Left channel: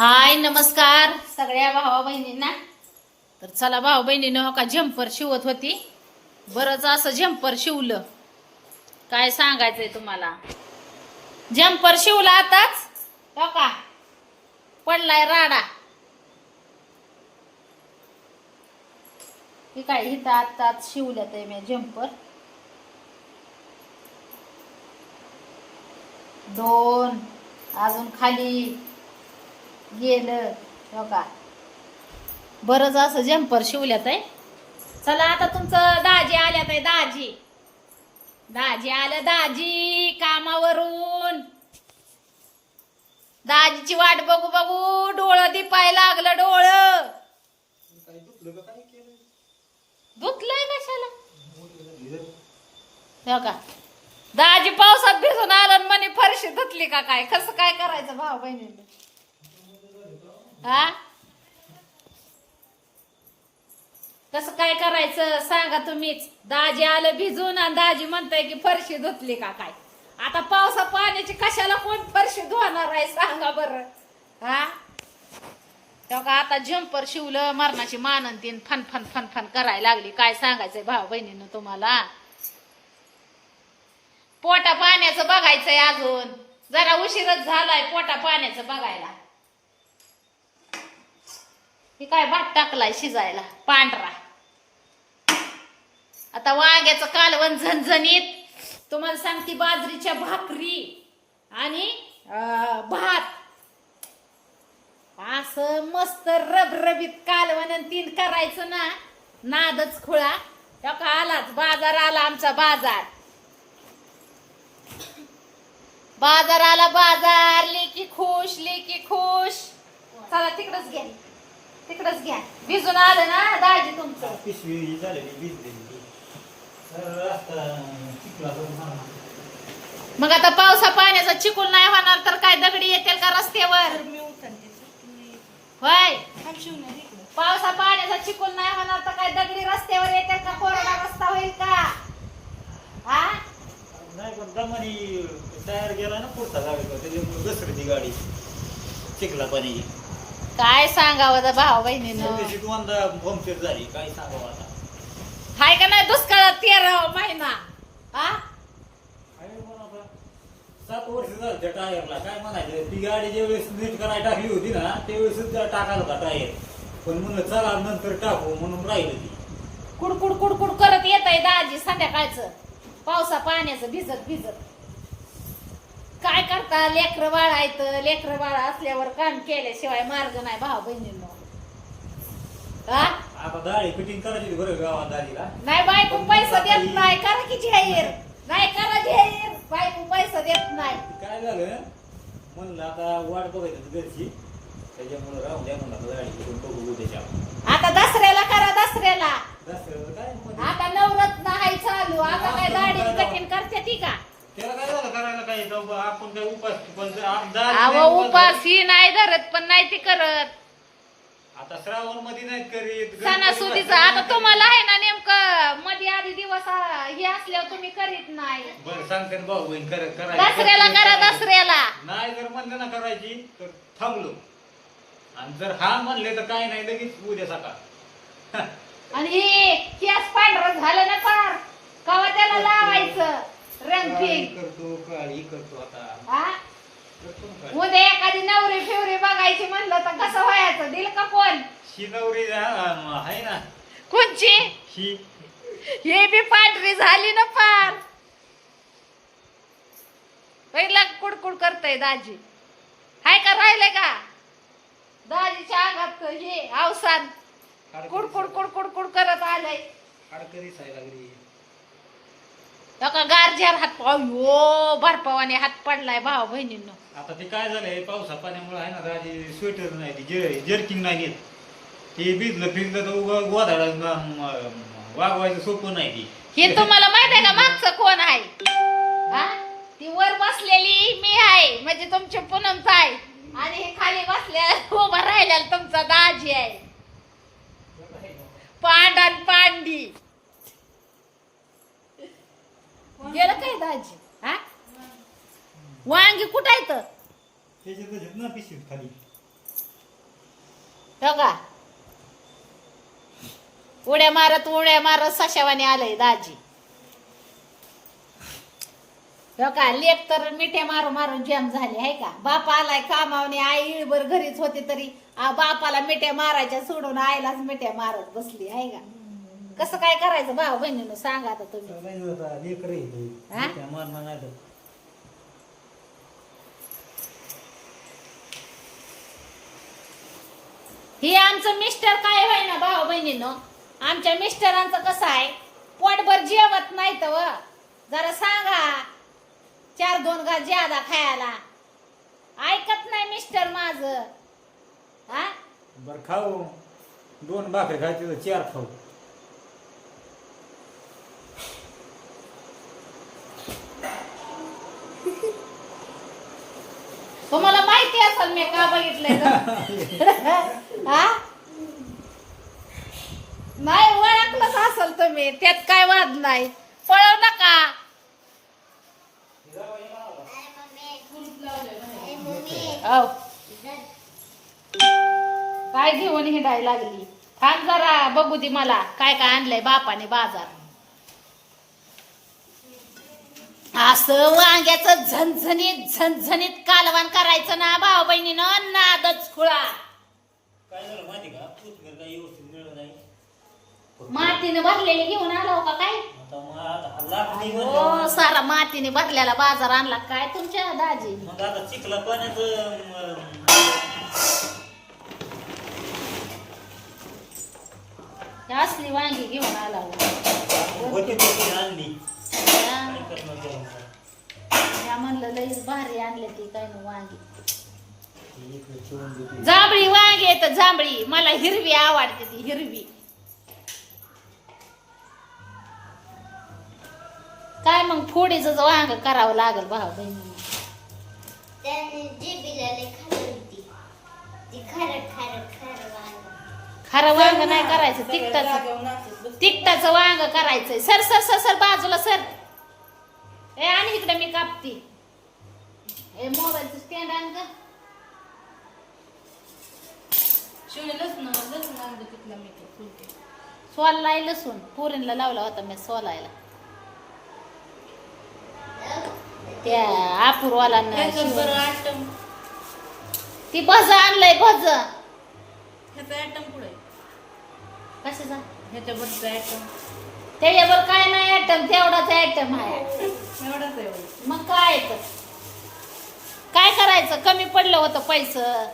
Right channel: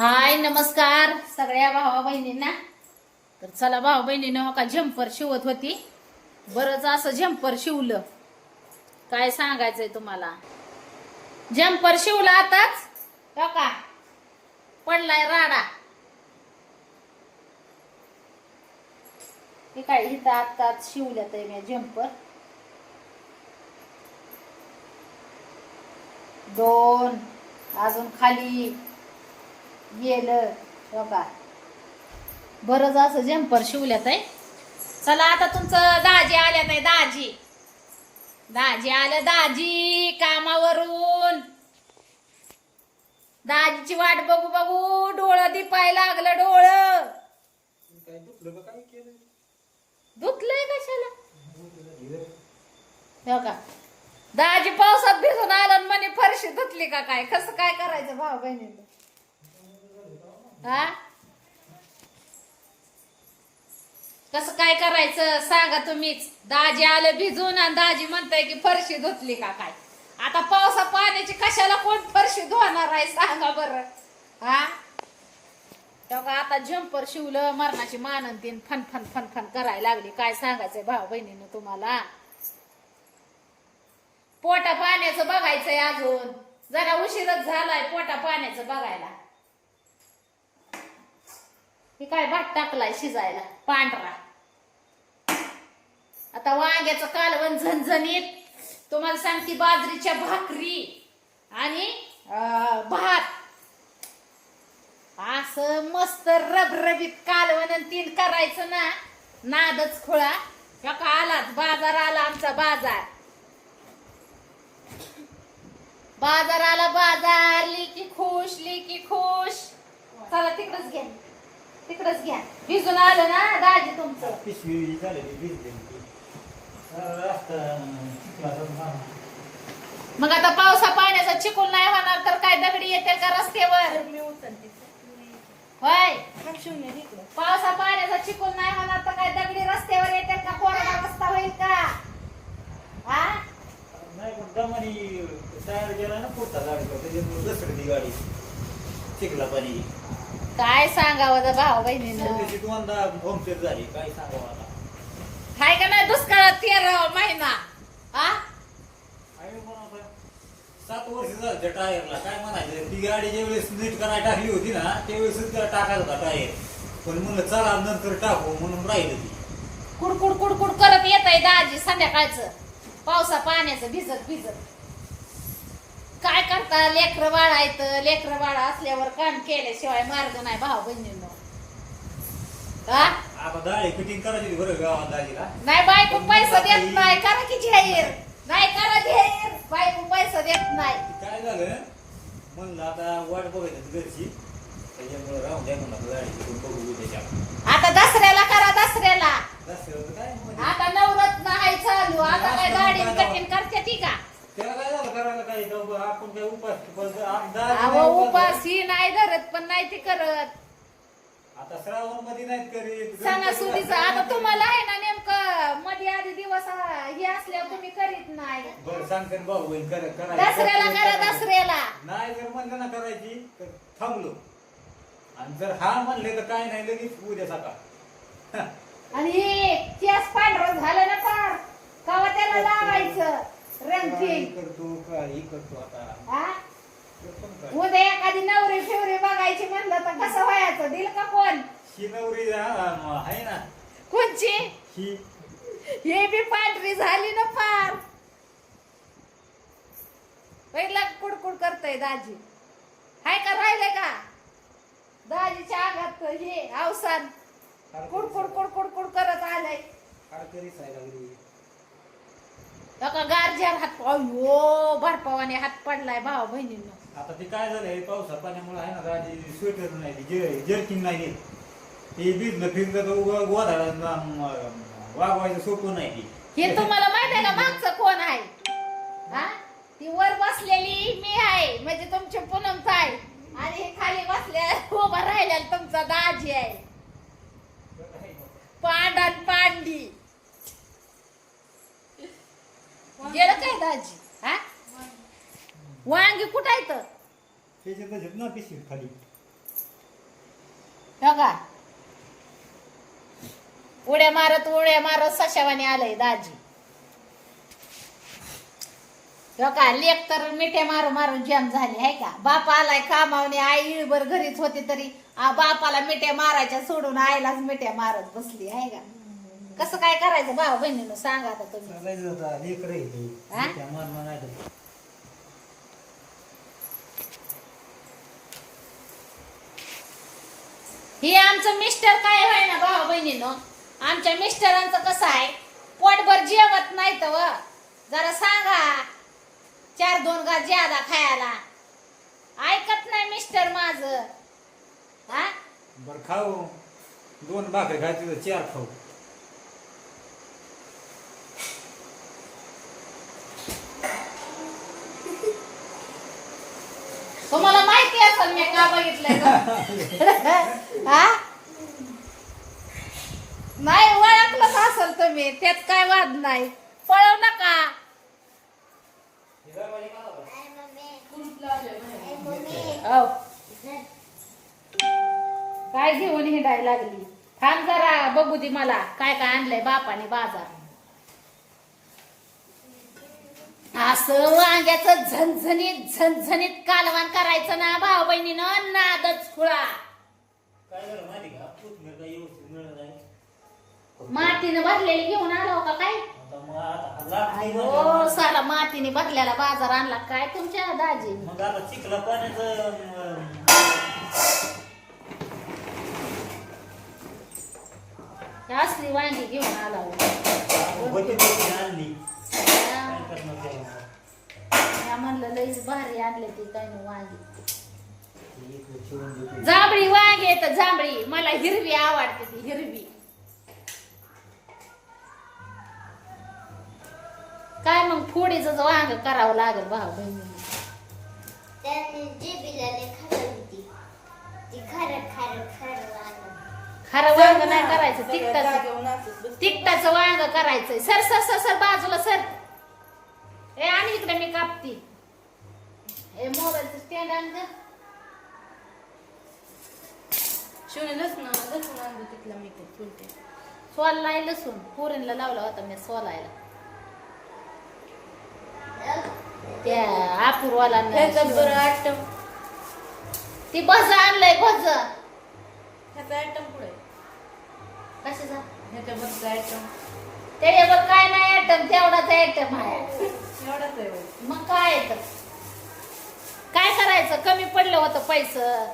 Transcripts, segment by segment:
हाय नमस्कार. सगळ्या भावा बहिणींना तर चला भाऊ बहिणीनं हो का झंपर शिवत होती. बरंच असं झंपर शिवलं. काय सांगायचंय तुम्हाला? झंपर शिवला आताच? हो का? पडलाय राडा. हे काय इथं आताच शिवल्यात आहे मी झंपर दोन अजून खाली. गेलं. हो का? बरंच असं जम्पर शिवल्यात आहे. चला आता तुमचं दाजी आल्यात आहे दाजी. दाजी आलं दाजी कामावरून. दाजीची वाट बघू बघू. डोळं दिपाय लागलं डोळं. दुखलंय कशाला? हो का? दाजी पावसात भिजून आलं म्हणे फरशी धुतली का काय? कसं काय करायचं भाऊ बहिणीला हा? कसं काय करायचं सांगा तुम्हीच. दाजी आलं भिजून आणि दाजी म्हणताय की फरशी धुतली का काय? आता पावसा पाण्याची कशाला कोण फरशी धुवणार आहे सांगा बरं. हा? तेव्हा आता झंपर शिवलं मरणाची मानन तीन फन फन फन फन करायला लागली. काय सांगायचंय भाऊ बहिणीनं तुम्हाला? पोटा पाण्याचं बघायचंय अजून. जरा उशीरच झालाय पोटा पाण्याचं बघायला. हे काय भात टाकलाय शिजायला? पांढरा. आता वांग्याचं कालवण झणझणीत. तुम्हाला सांगते बाजरीच्या भाकरी आणि भात. असं मस्त रबरबीत कालवण तीन करायचं ना नादच खुळा. हो का आलाच. बाजार आला आमचा बाजार. बाजार आला बाजार. लेकी खुश लेकी खुश. चला तिकडच घ्या तिकडच घ्या. भिजून आलं ना दाजी तुमचं. पिशवी झालेली वीज दिली मग आता पावसा पाण्याचा चिकूल नाही होणार तर काय दगडी येतील का रस्त्यावर? होय. पावसा पाण्याचा चिकूल नाही होणार तर काय दगडी रस्त्यावर येतील का? कोरडा रस्ता होईल का? हा? नाही पण दमानी टायर गेला ना पुढचा गाडीचा त्याच्यामुळे घसरली ती गाडी. चिखला पाणी काय सांगावं भाऊ बहिणीनं? दोनदा झाली काय सांगावं आता? हाय का नाही दुष्काळात तेरा महिना? हा? अरे पण आता सात वर्ष झालं त्या टायरला. काय म्हणायचं? ती गाडी ज्यावेळेस नीट करायला टाकली होती ना त्यावेळेसच टाकायला होता टायर. पण म्हणलं चला नंतर टाकू म्हणून राहिलं ती. कुडकुड कुडकुड करत येत आहे दाजी संध्याकाळचं. पावसा पाण्याचं भिजत भिजत. काय करता? लेकर बाळायचं लेकर बाळा असल्यावर काम केल्याशिवाय मार्ग नाही भाऊ बहिणींनो. हा? आता दाढी कटिंग करायची होती बरं गावात दाढीला नाही बायको पैसा देत नाही. करा की जाहीर. नाही करा जाहीर. बायको पैसा देत नाही. काय झालं? म्हणलं आता वाट बघायचं घरची. त्याच्यामुळे राहून द्या म्हणलं करून बघू उद्याच्या आता दसऱ्याला करा दसऱ्याला दसऱ्यावर काय मध्ये? आता नवरत्न हाय चालू आता काय गाडी कठीण करते ती का त्याला काय आपण काय उपास पण जर आप- दाढी अहो नाही उपास उपास- ही नाही धरत पण नाही ती करत. आता श्रावणमध्ये नाहीत करीत सणासुदीचं आता तुम्हाला आहे ना नेमकं मध्ये आधी दिवस आ, हे असल्यावर तुम्ही करीत नाही. बरं सांगते ना भाऊ बहीण कर करायची. दसऱ्याला करा दसऱ्याला. नाही जर म्हणलं ना करायची तर थांबलो. आणि जर हा म्हणले तर काय नाही लगेच उद्या सकाळ. आणि हे केस पांढरं झालं ना पार कवा त्याला लावायचं रंग काळी फिंग करतो काळी करतो आता. हा करतो ना काय. उद्या एखादी नवरी फिवरी बघायची म्हणलं तर कसं व्हायचं? दिल का कोण हा, आहे ना. कोणची? ही. हे बी पांढरी झाली ना पार पहिला कुडकुड करतय दाजी. हाय का राहिले का? दाजीच्या अंगात हे अवसान. कुडकुड कुडकुड कुड करत आलंय. हाडकरी साय लागली. का गारजार हात अयो बर्फावाने हात पडलाय भाऊ बहिणींनो. आता ते काय झालंय पावसा पाण्यामुळे आहे ना दादी स्वेटर नाही ती जे- जर्किंग नाही नेत ते भिजलं भिजलं तर उगा गोधाडा वागवायचं सोपं नाही ती हे तुम्हाला माहीत आहे का मागचं कोण आहे? हा? ती वर बसलेली मी आहे म्हणजे तुमची पूनमच आहे आणि हे खाली बसल्या उभा राहिलेला तुमचा दाजी आहे. पांडन पांडी. गेलं काय दाजी? हा? वांगी कुठं आहे तर त्याच्यात ना पिशवी खाली. हो उड्या मारत उड्या मारत सशावाने आलंय दाजी. हो का? लेख तर मिठ्या मारून मारून जॅम झाली आहे का? बाप आलाय कामावने आई इळभर घरीच होती तरी आ, बापाला मिठ्या मारायच्या सोडून आईलाच मिठ्या मारत बसली आहे का? कसं काय करायचं? भाऊ बहिणीनं सांगा आता तुम्ही. सगळ्याच होता लेकर हा? मरण नाही तर हे आमचं मिस्टर काय होय ना भाऊ बहिणीनं? आमच्या मिस्टरांचं कसं आहे? पोटभर जेवत नाही तर जरा सांगा. चार दोन घास ज्यादा खायला. ऐकत नाही मिस्टर माझ. हा? बर खाऊ. दोन भाकरी खायची तर चार खाऊ. तुम्हाला माहिती असेल मी का बघितलंय? हा? नाही ओळखलंच असेल तुम्ही. त्यात काय वाद नाही. पळव नका. हो. काय घेऊन हिंडायला लागली? थांब जरा बघू दे मला. काय काय आणलंय बापाने बाजार. असं वांग्याचं झणझणीत झणझणीत कालवान करायचं ना भाऊ बहिणीनं नादच खुळा. काय झालं माहिती का? कोथमीर काय व्यवस्थित मिळत नाही मातीने भरलेली घेऊन आलो का काय? आता मग आता लागते हो सारा मातीने भरलेला बाजार आणला काय तुमच्या दाजी? मग आता चिखला पाण्याचं अं, असली वांगी घेऊन आला हो. आणली. म्या म्हणलं लईच भारी आणले ती काय ना वांगी. जांभळी वांगी येत जांभळी. मला हिरवी आवडते ती हिरवी. काय मग फोडीचं वांग करावं लागेल भाऊ बहिणी. खरं वांग. नाही करायचं तिकटाचं तिकटाचं वांग करायचंय. सर सर सर सर बाजूला सर. ए आणि इकडे मी कापती. ए मोबाईलचं स्टँड आण ग. सोलाय लसूण. पुरीला लावला होता मी सोलायला. त्या आपूरवालांना शिवण- ती भज आणलंय भज. कशाचा? त्याच्यावर काय नाही आयटम तेवढाच आयटम आहे. मग काय येत? काय करायचं? कमी पडलं होतं पैसं.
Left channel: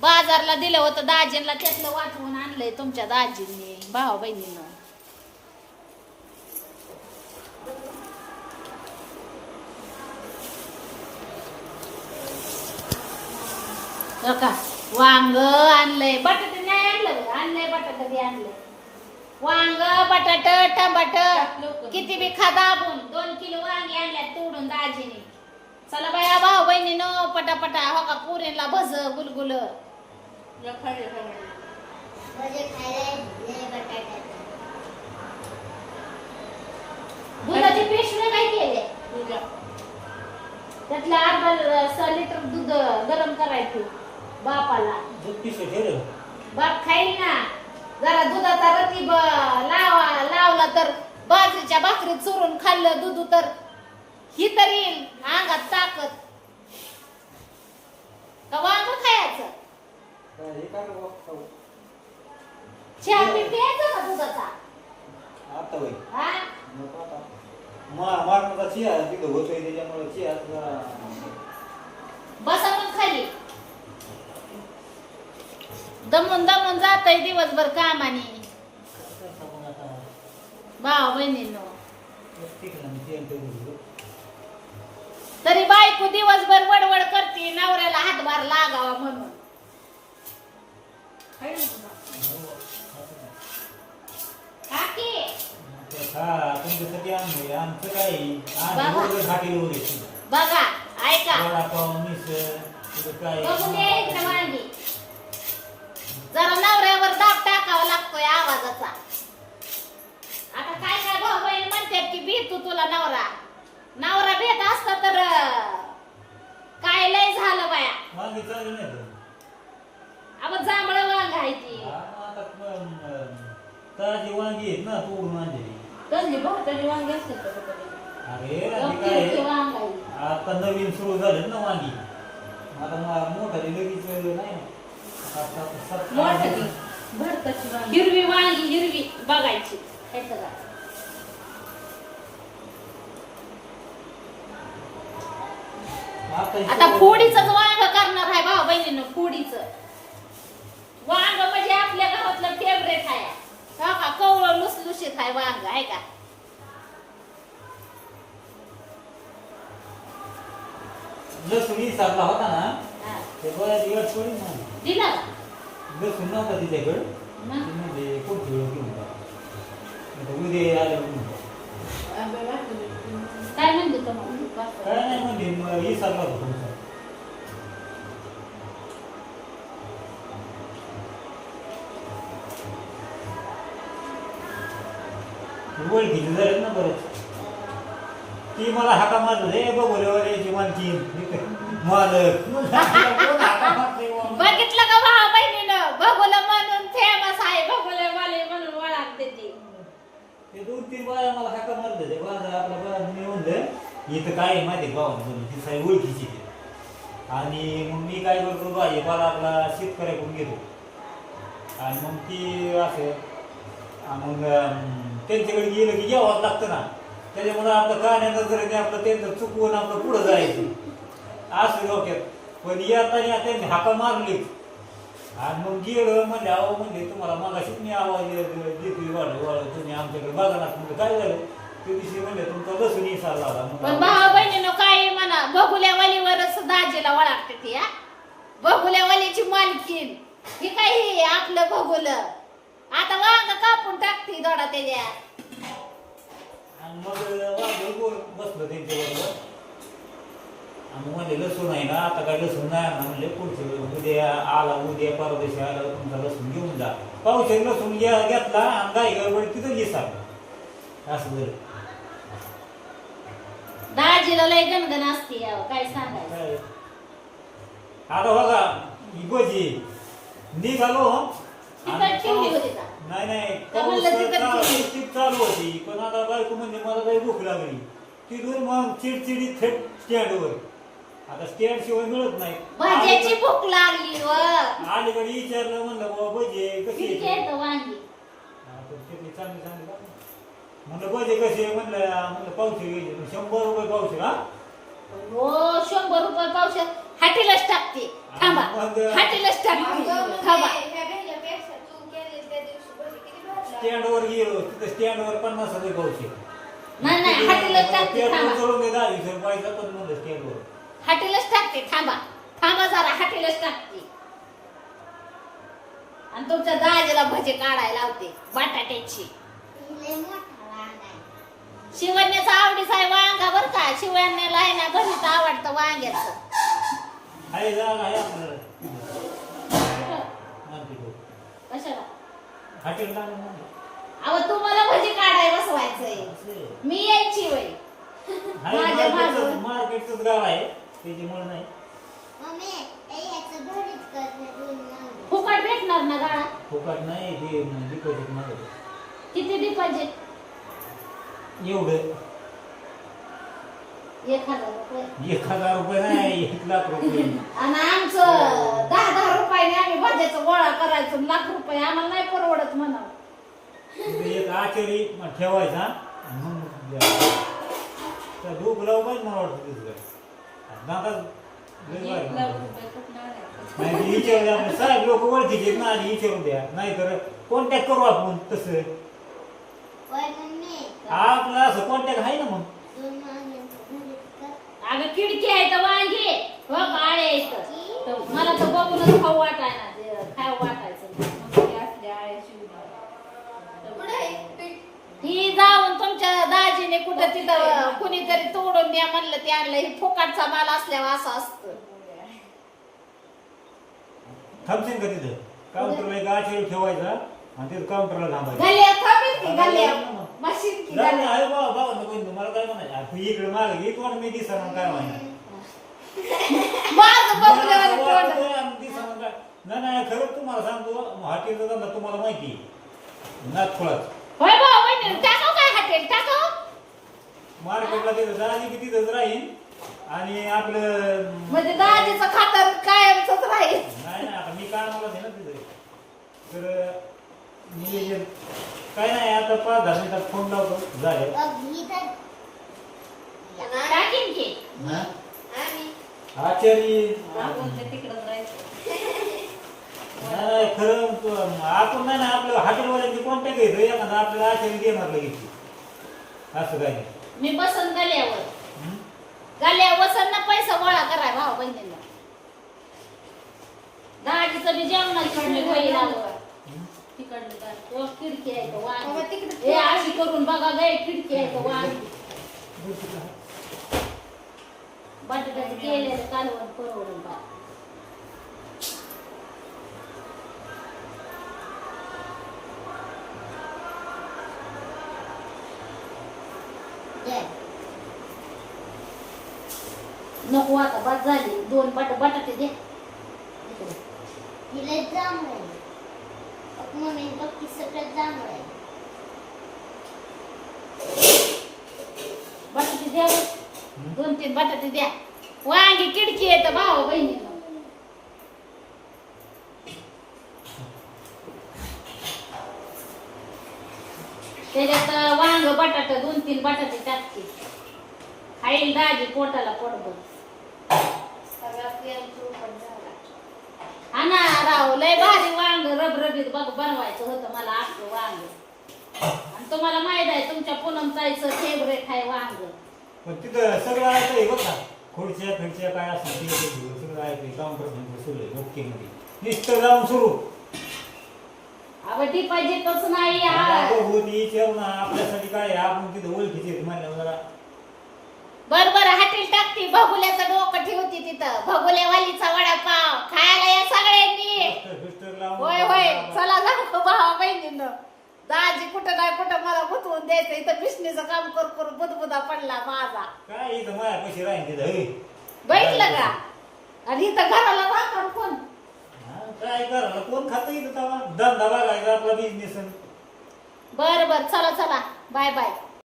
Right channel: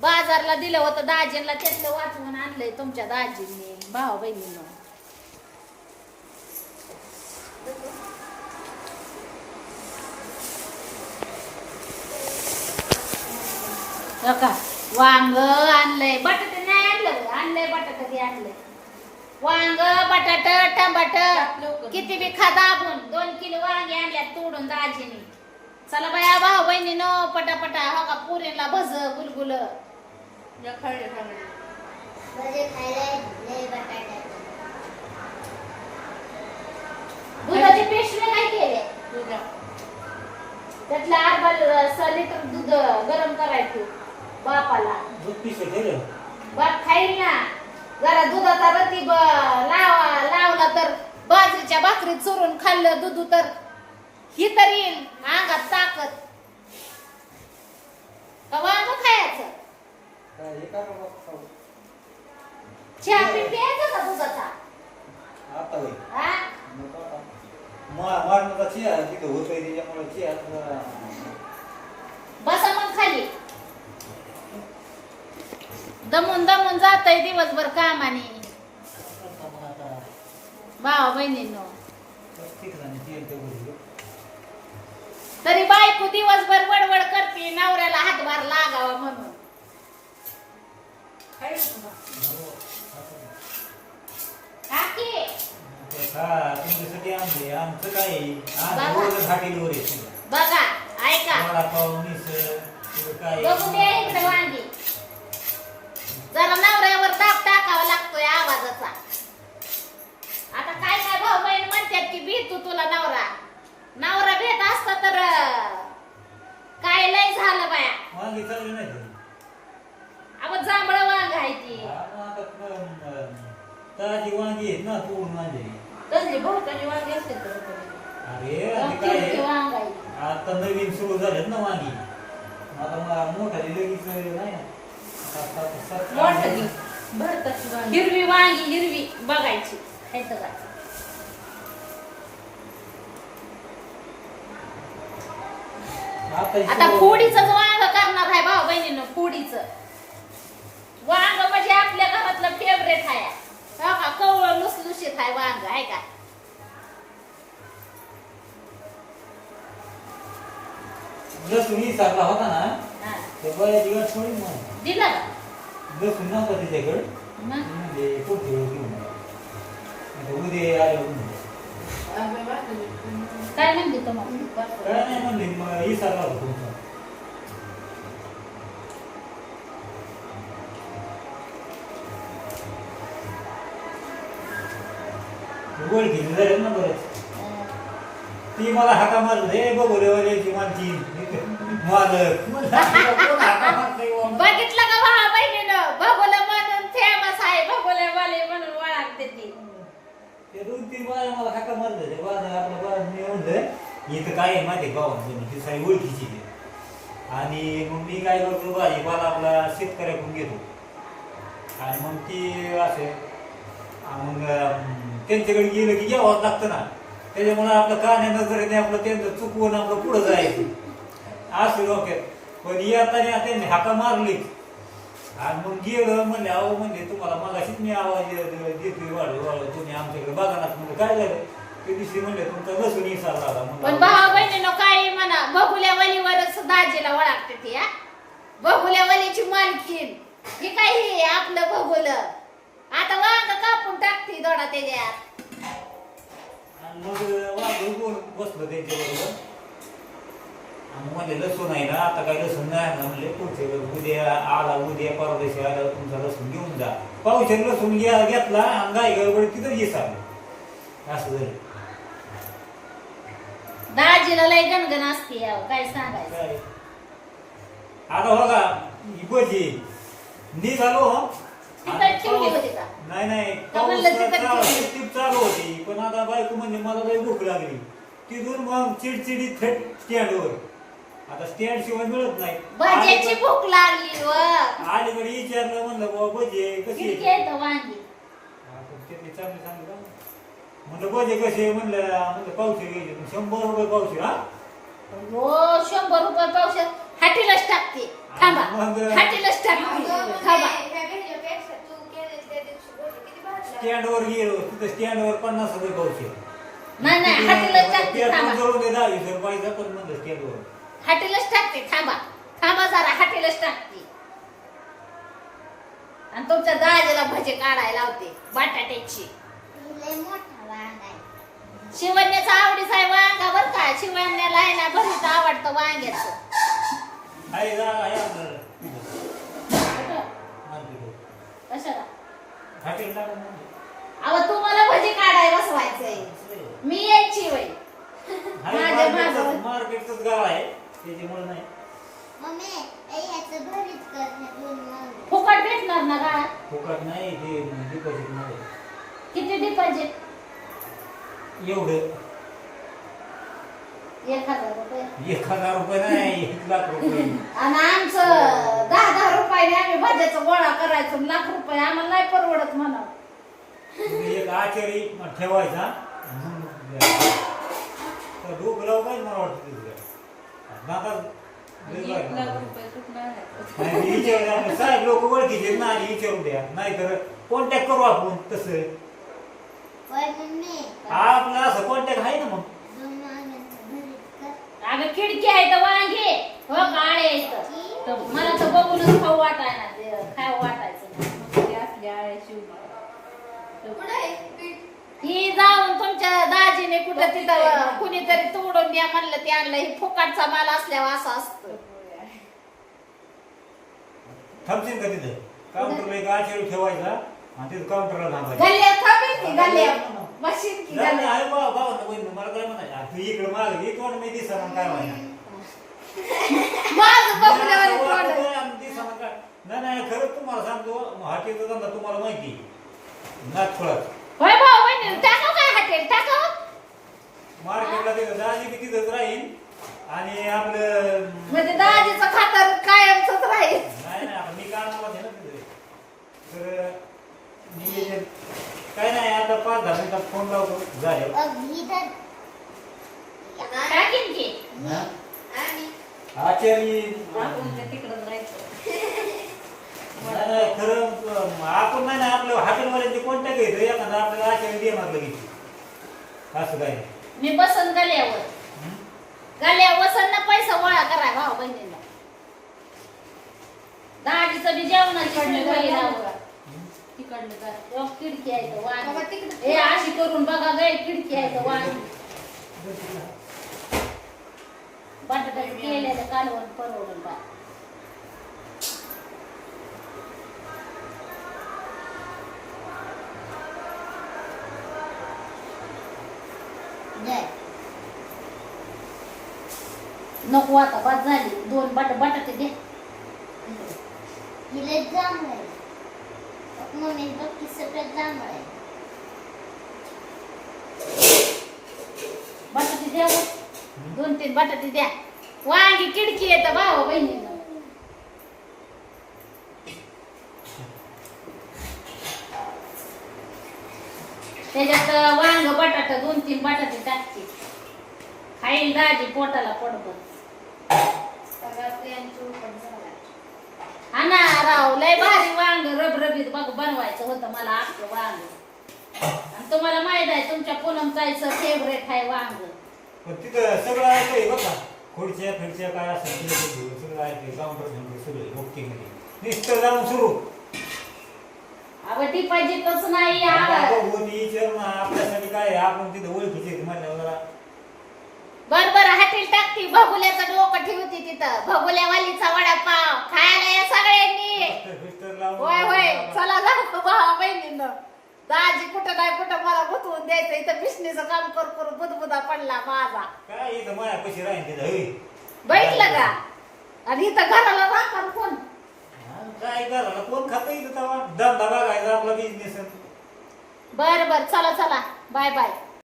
बाजारला दिलं होतं दाजींना त्यातलं वाचवून आणलंय तुमच्या दाजींनी भाऊ बहिणीनं. हो का वांग आणलंय बटाटे नाही आणलं. आणलंय बटाटे बी आणलंय. वांग बटाट टमाट. किती बी खा दाबून दोन किलो वांगे आणल्या तोडून दाजीने. चला बाया भाऊ बहिणीनं पटापटा हो का पुरीला भज गुलगुल. दुधाची पेस्ट काय केले? त्यातलं अर्धा लिटर दूध गरम करायचं बापाला. पिशवी. बाप खाईल ना. जरा दुधाचा रती ब- लावा लावला तर बाजरीच्या भाकरीत चुरून खाल्लं दूध तर. ही तर येईल अंगात ताकद. का वांग खायचं? हे? चहा बी प्यायचा का दुधाचा? आता हा? चिया तिथं होतोय त्याच्यामुळे चिया बसा मग खाली. दमून दमून जातय दिवसभर कामाने. भावा बहिणींनो. तरी बायको दिवसभर वडवड करते नवऱ्याला हातभार लागावा म्हणून. बघा ऐका. बघून इकडे वांगी. जरा नवऱ्यावर दाब टाकावा लागतोय आवाजाचा. आता काय काय भाऊ बहीण म्हणतात की भेटू तुला नवरा. नवरा भेट असता तर काय लय झालं बाया? आपण जांभळ वांग आहे ती. अं, ताजी वांगी आहेत ना बहुतरी वांगी. अरे. आता नवीन सुरू झालेत ना वांगी. आता मोठाली लगेच नाही. आता- आता- हिरवी वांगी हिरवी. बघायची. खायचं का आता फोडीच वांग करणार आहे भाऊ बहिणीनं फोडीच. वांग म्हणजे आपल्या घरातलं फेवरेट आहे. हो का? कवळ लुसलुशीत आहे वांग आहे का? लसूण विसरला होता ना? ते बऱ्याच दिवस पडेल ना. दिला? का लसूण नव्हता तिच्याकडे. मग? म्हणजे कुठे घेऊन जा. आता उद्या आले काय म्हणते तुम्हाला काय नाही मग विसरला होता तुमचा. ओळखी झाले ना बरेच ती मला हाका मारलं रे बघोलेवाल्याची मालकी मालक म्हणलं, बघितलं का भावा बहिणीनं? बघोलं म्हणून फेमस आहे बघोले वाले म्हणून ओळखते ती. ते दोन तीन बाया मला हाका मारलं ते बाजार येऊन बाजार इथं काय आहे माहिती आहे गावात ती साई ओळखीची ती. आणि मग मी काय करतो भाजीपाला आपला शेतकऱ्याकडून घेतो. आणि मग ती असं मग त्यांच्याकडे गेलं की घ्यावंच लागतं ना. त्याच्यामुळे आपलं कान्या नजरेने आपलं त्यांचं चुकवून आपलं पुढं जायचं. असं डोक्यात. पण येताना त्यांनी हाका मारलीच आणि मग गेलं म्हणले अहो म्हणजे तुम्हाला मगाशीच मी आवाज घेतली वाढ वाढ तुम्ही आमच्याकडे बघा ना म्हणजे काय झालं? ते दिवशी म्हणले तुमचा इसारला होता पण म्हणलं, भावा बहिणीनं काय म्हणा बघुल्या वलीवरच दाजीला ओळखते ती हा. बघुल्या वलीची मालकीन ही काय ही आपलं बघुलं आता वांग कापून टाकते दोडा त्याच्यात. आणि मग वाढ बोल बसलो त्यांच्याबरोबर. आणि म्हणले लसूण आहे ना आता काय लसूण नाही ना म्हणले पुढचे उद्या आला उद्या परवा दिवशी आला तुमचा लसूण घेऊन जा. पावशे लसूण घ्या घेतला आणि गाय गडबड तिथं दिसा असं झालं. दाजीला लय गणगण असते यावं, काय सांगायचं? काय? आता बघा ही भजी. मी झालो. तिथं आणि ठेवली पाऊस- होती का? नाही नाही का म्हणलं पाऊस तिथं चालू- ठेवली? टीप चालू होती. पण आता बायको म्हणजे मला लई भूक लागली. तिथून मग चिडचिडी थेट स्टँडवर आता स्टँड शिवाय मिळत नाही भज्याची भूक लागली व अलीकडे विचारलं म्हणलं बाबा भजी कशी आहे? येतं वांगी आपण चांगली चांगली का? म्हणलं भजी कशी आहे? म्हणलं म्हणलं घ्यायचे शंभर रुपये पावशे हा हो शंभर रुपये पावसात हाटीलाच टाकते थांबा मग- हाटीलाच टाकते थांबा स्टँडवर गेलो तिथे स्टँडवर पन्नास रुपये पावशे नाही नाही हाटीलाच टाकते थांबा जळून दे दहा वीस रुपयाचा पण म्हणलं स्टँडवर हाटीलाच टाकते थांबा. थांबा जरा हाटीलाच टाकते. आणि तुमच्या दाजीला भजे काढायला लावते बटाट्याची. शिवण्याचा आवडीचा आहे वांगा बर का? शिवण्याला आहे ना भरीत आवडतं वांग्याचं. कशाला? आणते. अहो तुम्हाला भजी काढाय बसवायचंय. मी यायची वय माझ्या. मार्केटचंच गाव आहे. त्याच्यामुळे नाही. मम्मी ए याचं भरीत कर हे दोन वांगे. फुकट भेटणार ना गाळात? फुकट नाही ते डिपॉझिट किती डिपॉझिट एवढं. एक हजार रुपये. एक हजार रुपये नाही एक लाख रुपये. आणि आमचं दहा दहा रुपयाने आम्ही भाज्याचा गोळा करायचो आणि लाख रुपये आम्हाला नाही परवडत म्हणा एक आचारी ठेवायचा आणि मग द्यायचा. तर लाव पाहिजे मला वाटतं तिथं. नाही विचारू आपण. साहेब लोक ओळखीचे ना आणि विचारू द्या. नाहीतर कॉन्टॅक्ट करू आपण तसं. आपलं असं कॉन्टॅक्ट आहे ना मग. अगं खिडकी आहे तर वांगे. हो काळे आहेत तर. मला तर बघूनच खाऊ वाटायला खाऊ वाटायचं. ही जाऊन तुमच्या दाजीने कुठं तिथं कुणीतरी तोडून द्या म्हणलं ते आणलं. ही फुकाटचा माल असल्यावर असं असतं. थांबशील का तिथं? काउंटरला एक ठेवायचा आणि तिथं काउंटरला थांबायचं. गल्ल्या थांबेल की गल्ल्या मशीन की नाही, गल्ल्या आहे बा बाबा बहीण मला काय म्हणायचं? आ, तू इकडे माग ये कोण मी दिसा मग काय म्हणायचं? माझं बघलं नाही नाही खरंच तुम्हाला सांगतो हॉटेलचा धंदा तुम्हाला माहिती नागपुरात होय भाऊ टाकाव काय हॉटेल? टाकाव मार्केटला तिथं जायची की तिथंच राहील आणि आपलं म्हणजे दाजीचं खातर कायमच राहील? नाही नाही मी काय मला ना तिथे. तर नियोजन काय नाही आता पाच दहा मिनिटात फोन लावतो. झाले. टाकीन की. आचारी तिकडं जायचं नाही खरं अं, आपण नाही ना आपलं हॉटेलवाल्यांची कॉन्टॅक्ट घ्यायचं एखादा आपल्याला आचारी देणार लगेच. असं काय? नाही मी बसन गल्यावर. हं? गल्यावर ना पैसा गोळा कराय भाऊ बहिणीला. दाजीचं बी जेवणाची मी होईल आवं. तिकडलं का? तो खिडकी आहे तो वांगी. हे अशी करून बघा गे खिडकी आहे तो वांगी बटाट्याचं केलेलं कालवण परवडून बा नको आता बाद झाली. दोन बट बटाटे दे. हिला जांभळ आहे. मम्मी बघ की सगळं जांभळ आहे. बटाटे द्या. दोन तीन बटाटे द्या. वांगी खिडकी येतं भाऊ बहिणीनं त्याच्यात वांग बटाट दोन तीन बटाटे टाकते. खाईल दाजी पोटाला पोटभर सगळं प्रेमचं उपट झाला हा ना राव लय भारी वांग रबरबीत बघ बनवायचं होतं मला आपलं वांग. आणि तुम्हाला माहीत आहे तुमच्या पूनम ताईचं फेवरेट आहे वांग. पण तिथं सगळं ऐकलंय बघा खुर्च्या फिरच्या काय असेल ते सगळं सगळं ऐकलंय. काउंटर सगळं ओके मध्ये नुसतं जाऊन सुरू. अव नाही आ. होती विचार ना आपल्यासाठी काय आहे? आपण तिथं ओळखीचे आहेत म्हणल्यावर हॉटेल टाकती भगुल्याचं डोकं ठेवती तिथं. भगुल्यावालीचा वडापाव. खायला या सगळ्यांनी. होय होय. चला जाऊ भावा बहिणीनं? दाजी कुठं काय कुठं मला गुतवून द्यायचं. इथं बिसणीचं काम कर करू बुदबुदा पडला माझा. काय इथं माया पैसे राहील. बैठलं का? आणि इथं घराला राखा कोण? काय करायला कोण खातं इथं तवा? धंदा बघायचा आपला बिझनेस बर बर. चला चला. Bye bye.